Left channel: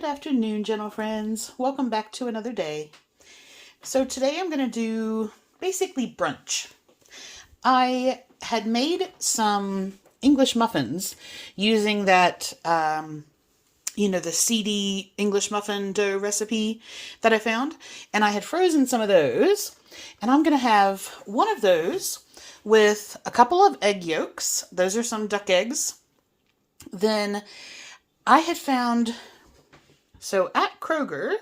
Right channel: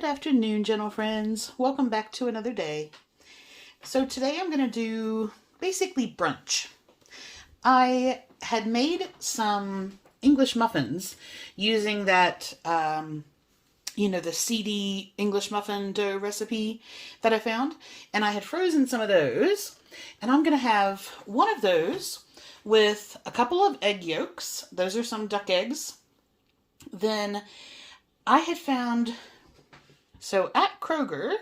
Good afternoon, gentle friends. Welcome back to another day. So today I'm going to do basically brunch. I had made some English muffins using that, the Seedy English muffin dough recipe that I found. And I had frozen some of those. And I'm going to have one of those with a couple of egg yolks. Those are some duck eggs. Then I had found... So at Kroger,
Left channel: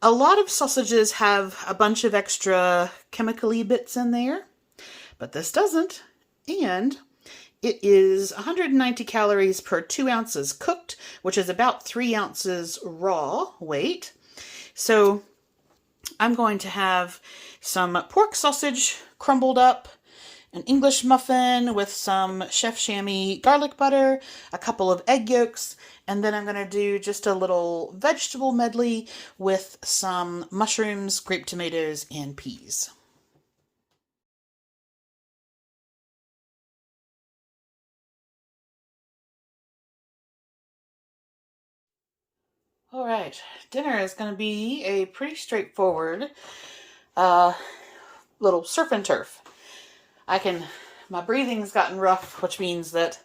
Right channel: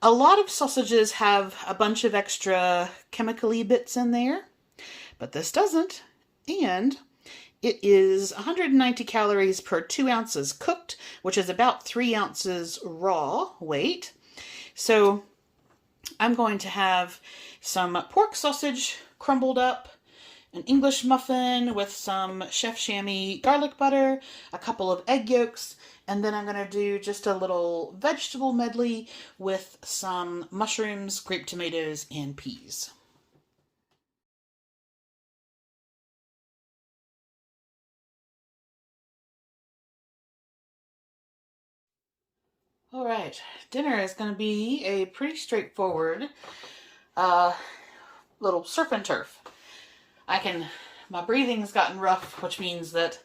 a lot of sausages have a bunch of extra chemical-y bits in there, but this doesn't. And it is 190 calories per 2 ounces cooked, which is about 3 ounces raw weight. So I'm going to have some pork sausage crumbled up, an English muffin with some chef chamois garlic butter, a couple of egg yolks, and then I'm going to do just a little vegetable medley with some mushrooms, grape tomatoes, and peas. All right, dinner is going to be a pretty straightforward little surf and turf. My breathing's gotten rough, which means that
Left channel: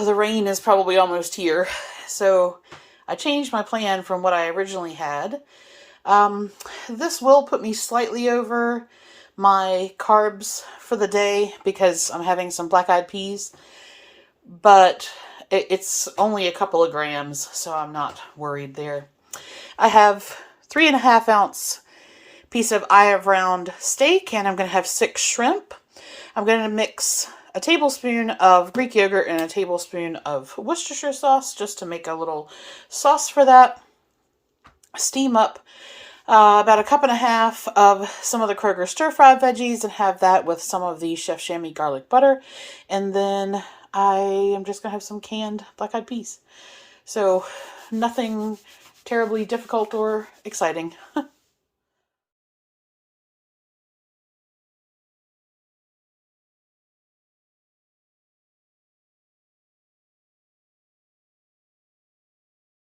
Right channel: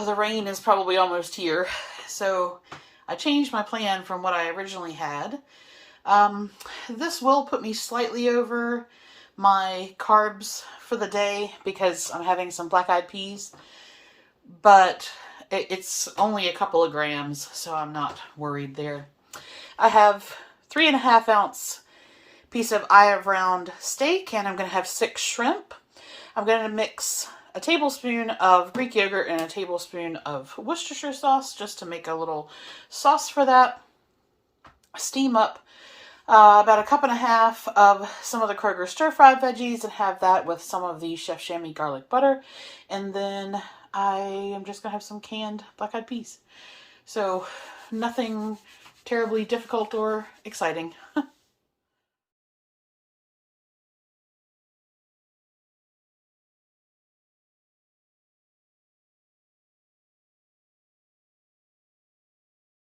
the rain is probably almost here. So I changed my plan from what I originally had. This will put me slightly over my carbs for the day because I'm having some black-eyed peas, but it's only a couple of grams, so I'm not worried there. I have 3.5 ounce piece of olive round steak, and I'm going to have 6 shrimp. I'm going to mix a tablespoon of Greek yogurt and a tablespoon of Worcestershire sauce just to make a little sauce for that. Steam up about 1.5 cups of some of the Kroger stir-fried veggies and have that with some of the chef chamois garlic butter. And then I am just going to have some canned black-eyed peas. So nothing terribly difficult or exciting.